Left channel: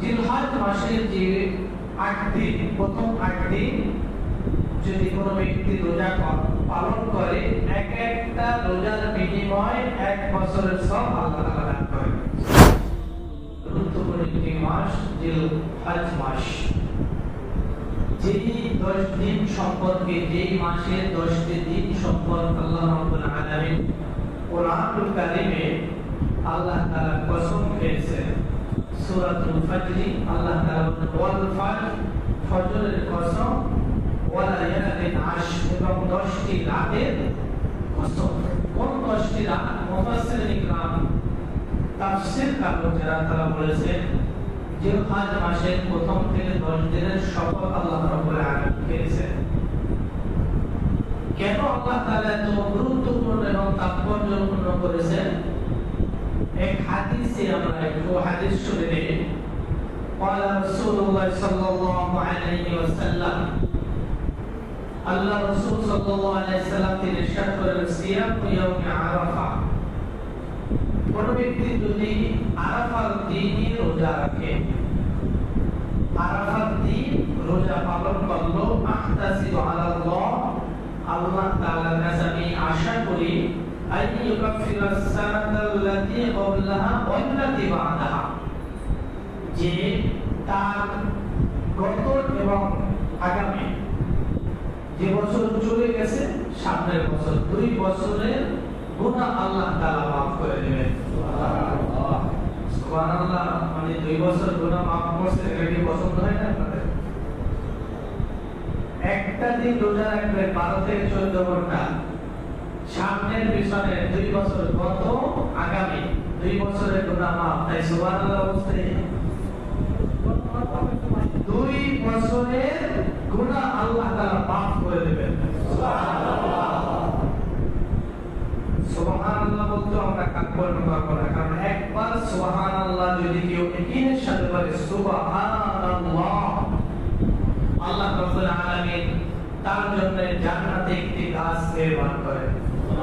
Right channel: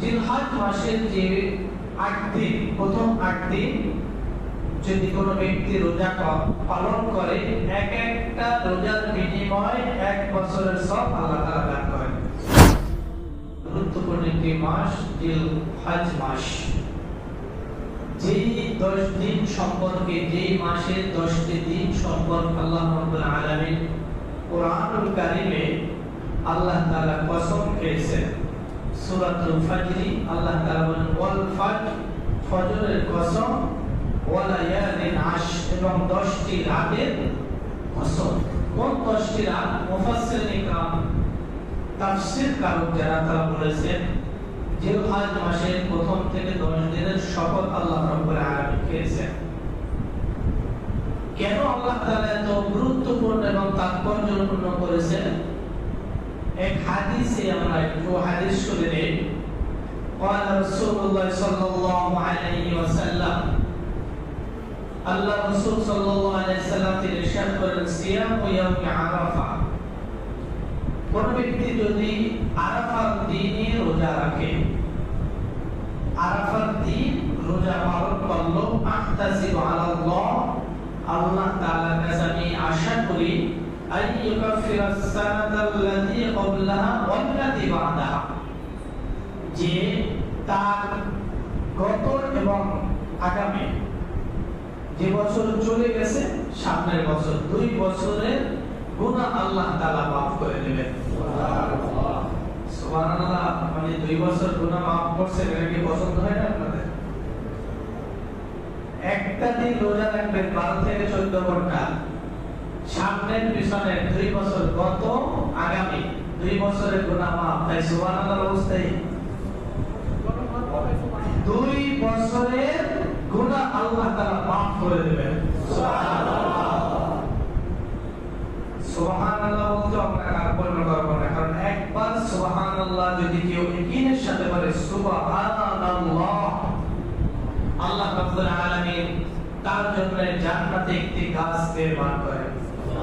জিলহাজ মাসের যে আট দিন প্রথম আট দিন যদি কোনো ব্যক্তি রোজা পালন করে, এক একটা রোজার বিনিময় এক বছরের সব আল্লাহ তাআলা দান করেন। গুরুত্বপূর্ণ একটি মাস জিল মাস। যেই দশ দিন সম্পর্কে যেই মাসের দশটি দিন সম্পর্কে আল্লাহ রাব্বুল আলামিন কোরআনুল কারিমে আল্লাহ তাআলা কসম খেয়েছেন। সূরাতুল ফাজরি, আল্লাহ তাআলা বলেন, ওয়াল ফাজর, ফজরের কসম, ওয়াল লায়ালিন আশ এবং দশটি রাতের কসম। কোন দশটি রাত? মুফাসসিরিন ইকরাম তাফসীর কারক যারা তারা বলেছেন জিলহাজ মাসের প্রথম থেকে দশ দিনের শপথ আল্লাহ রব্বুল আলামিন খেয়েছেন কেন আল্লাহ তাআলা এত গুরুত্বপূর্ণ এবং তাৎপর্যপূর্ণ করেছেন? এক হাদিসে আমরা একটু হাদিস শুনে নেই قال رسول الله صلى الله عليه وسلم আল্লাহ রাসূল সাল্লাল্লাহু আলাইহি সাল্লাম তিনি ইরশাদ করেন সিয়াম ইয়াউমি আরাফা কোন ব্যক্তি যদি আরাফার দিনে রোজা রাখে আরাফার দিন রোজা পালন করলো আহতাসিবু যে তার গত এবং আগামী যে বছর চলে গেছে সামনের বছর দুই বছরের গুনাহ আল্লাহ তাআলা মাফ করে দেবেন। সুবহানাল্লাহ। মানে দুই বছর গুনাহ মাফ করছে এটা কি পছন্দ হয় না একটা দিন রোজা রাখবেন বারো থেকে চোদ্দ ঘণ্টা। সামনের পিছনের দুই বছর গত, আগামী দুই বছরের গুনাহ মাফ তাই সুবহানাল্লাহ অবস্থায়। দুই বছরের গুনাহ আল্লাহ তাআলা মাফ করে দেবেন। সুবহানাল্লাহ। বলতে আমরা করব না, কারণ একবার সুবহানাল্লাহ যদি কেউ ইকিনের সাথে বলে সুবহানাল্লাহ, আল্লাহ রাব্বুল তার জন্য জান্নাতে একটি গাছ নির্মাণ করেন।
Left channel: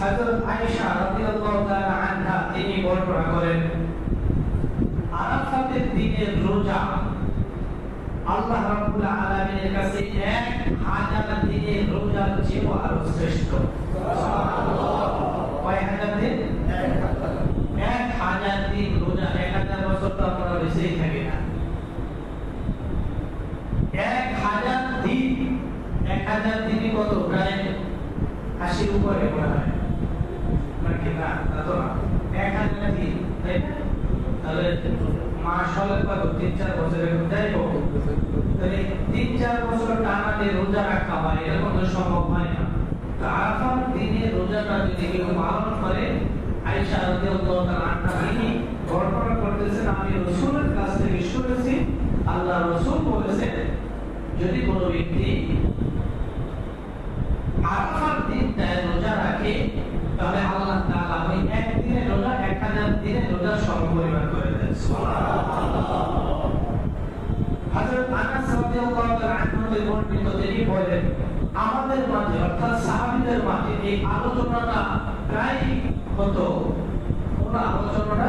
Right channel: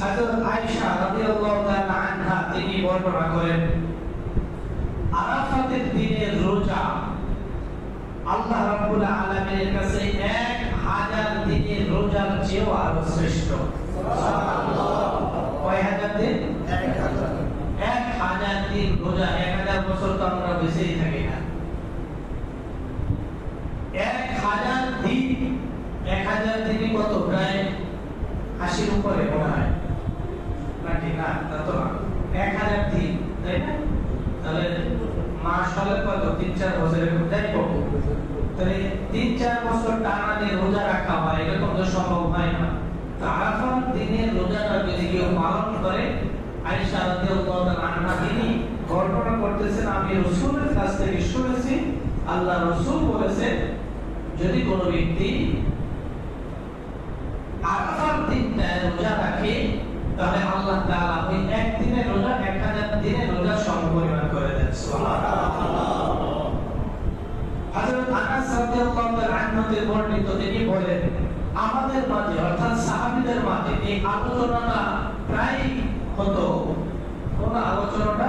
হযরত আয়েশা রাদিয়াল্লাহু তাআলা আনহা তিনি বর্ণনা করেন, আরাফাতের দিনের রোজা আল্লাহ রাব্বুল আলামিনের কাছে এক হাজার দিনের রোজার চেয়েও আরও শ্রেষ্ঠ কয় হাজার দিন এক হাজার দিন রোজা এক হাজার বছর তো আমরা বেঁচেই থাকি না এক হাজার দিন এক হাজার দিনই কত প্রায় আশির উপরে মনে হয় না ঠিক না তা তো না এক হাজার দিন তাই না আমি রাসূলের কাছ থেকে আল্লাহ রাসূল বলেছেন যদি কোনো ব্যক্তি আরাফার দিনটা রোজা রাখে তাহলে আল্লাহ তাআলা ওই এক দিনের রোজা এক হাজার দিনের রোজা সমপরিমাণ করে দেন হযরত আনাস রাদিয়াল্লাহু তাআলা আনহু থেকে বর্ণিত তিনি বলেন আমাদের মাঝে, অর্থাৎ সাহাবীদের মাঝে এই আলোচনাটা প্রায় হতো। কোন আলোচনাটা?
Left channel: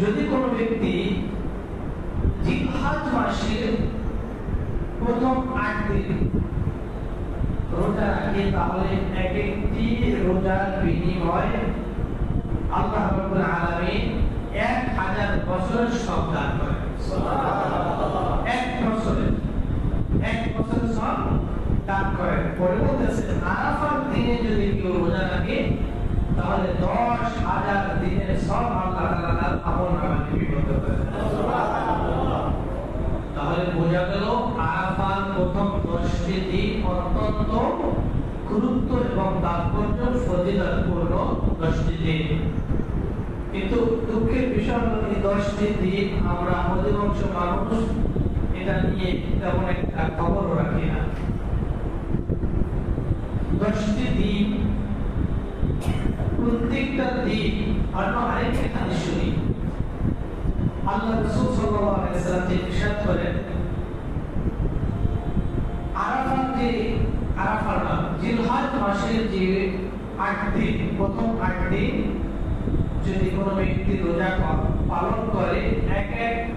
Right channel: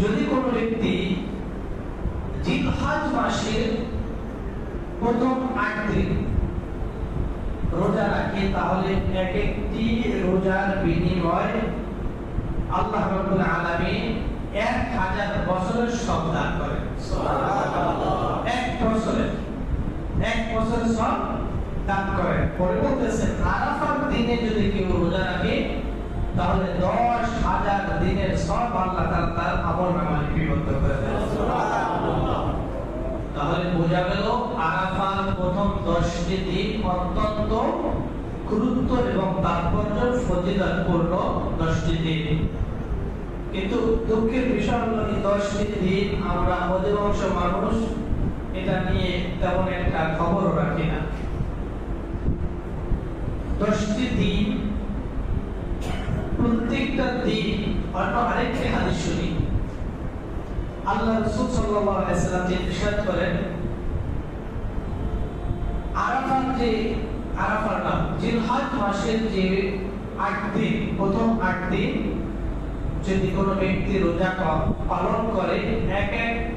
যদি কোনো ব্যক্তি জিলহাজ মাসের প্রথম আট দিন রোজা রাখে, তাহলে এক একটি রোজার বিনিময় আল্লাহ রাব্বুল আলামিন এক হাজার বছরের সব দান করেন এক বছরের এক বছরের সব দান করেন পরে বলতেছেন আরাফার দিনে যদি কেউ রোজা রাখে তাহলে দশ হাজার দিনের সব আল্লাহ তাআলা তার আমল নামায় লিপিবদ্ধ করে তাহলে বোঝা গেল আরাফার প্রথম দশটি দিন অত্যন্ত গুরুত্ব এবং তাৎপর্য ফজিলতপূর্ণ দশটি দিন কিন্তু দুঃখের বিষয় হলো এই দশটি দিন আমরা অধিকাংশ মানুষ এটা নিয়ে তেমন একটা খবরও রাখি না। দশটি দিন, প্রত্যেকটা দিন অন্য আরেকটি হাদিস শুনি। আল্লাহ রসুল সাল্লাল্লাহু আলাইহি সাল্লাম ইরশাদ করেন আরাফাত যে আরাফার নাম মাসের যে প্রথম আট যদি কোনো ব্যক্তি রোজা পালন করে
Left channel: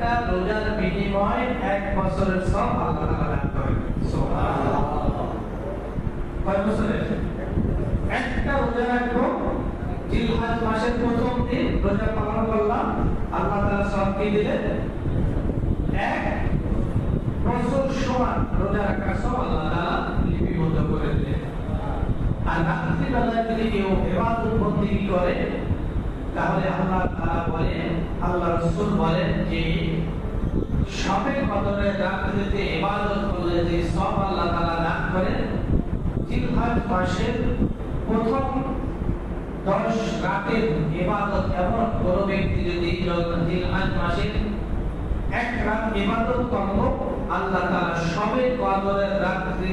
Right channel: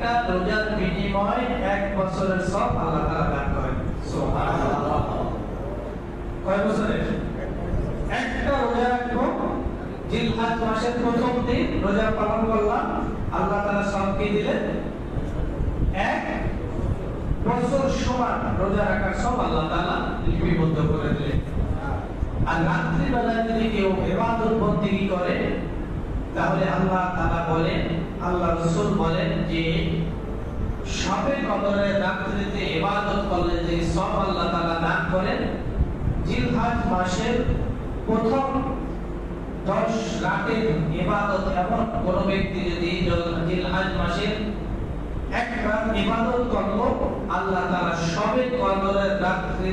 একটা রোজার বিনিময় এক বছরের সব আল্লাহ তাআলা দান করেন। কয় বছরের? একটা রোজা রাখব জিলহাজ মাসের প্রথম দিন রোজা পালন করলাম, আল্লাহ তাআলা সব কি এক বছর সমান রোজা রাখার সব আল্লাহ তাআলা লিপিবদ্ধ করে দিলেন। আর রাত্রিবেলায় যদি কেউ ইবাদত বন্দিগি করে তাহলে আল্লাহ তাআলা বলেন, আল্লাহ রাসূল বলেন যে করলে যে সব আল্লাহ দান করেন, জিলহাজ মাসের প্রথম দশ রাতের ইবাদত এমন কোন ব্যক্তি যদি জিলহাজ মাসের এক রাত ইবাদত করল আল্লাহ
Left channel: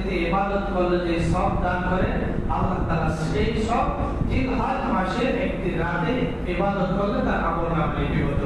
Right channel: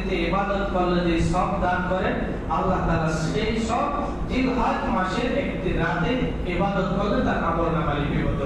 রাত্রিতে ইবাদত করলে যে সব দান করেন, আল্লাহ তাআলা সেই সব জিলহাজ মাসের একটি রাতে ইবাদত করলে তার আমল নামা লিপিবদ্ধ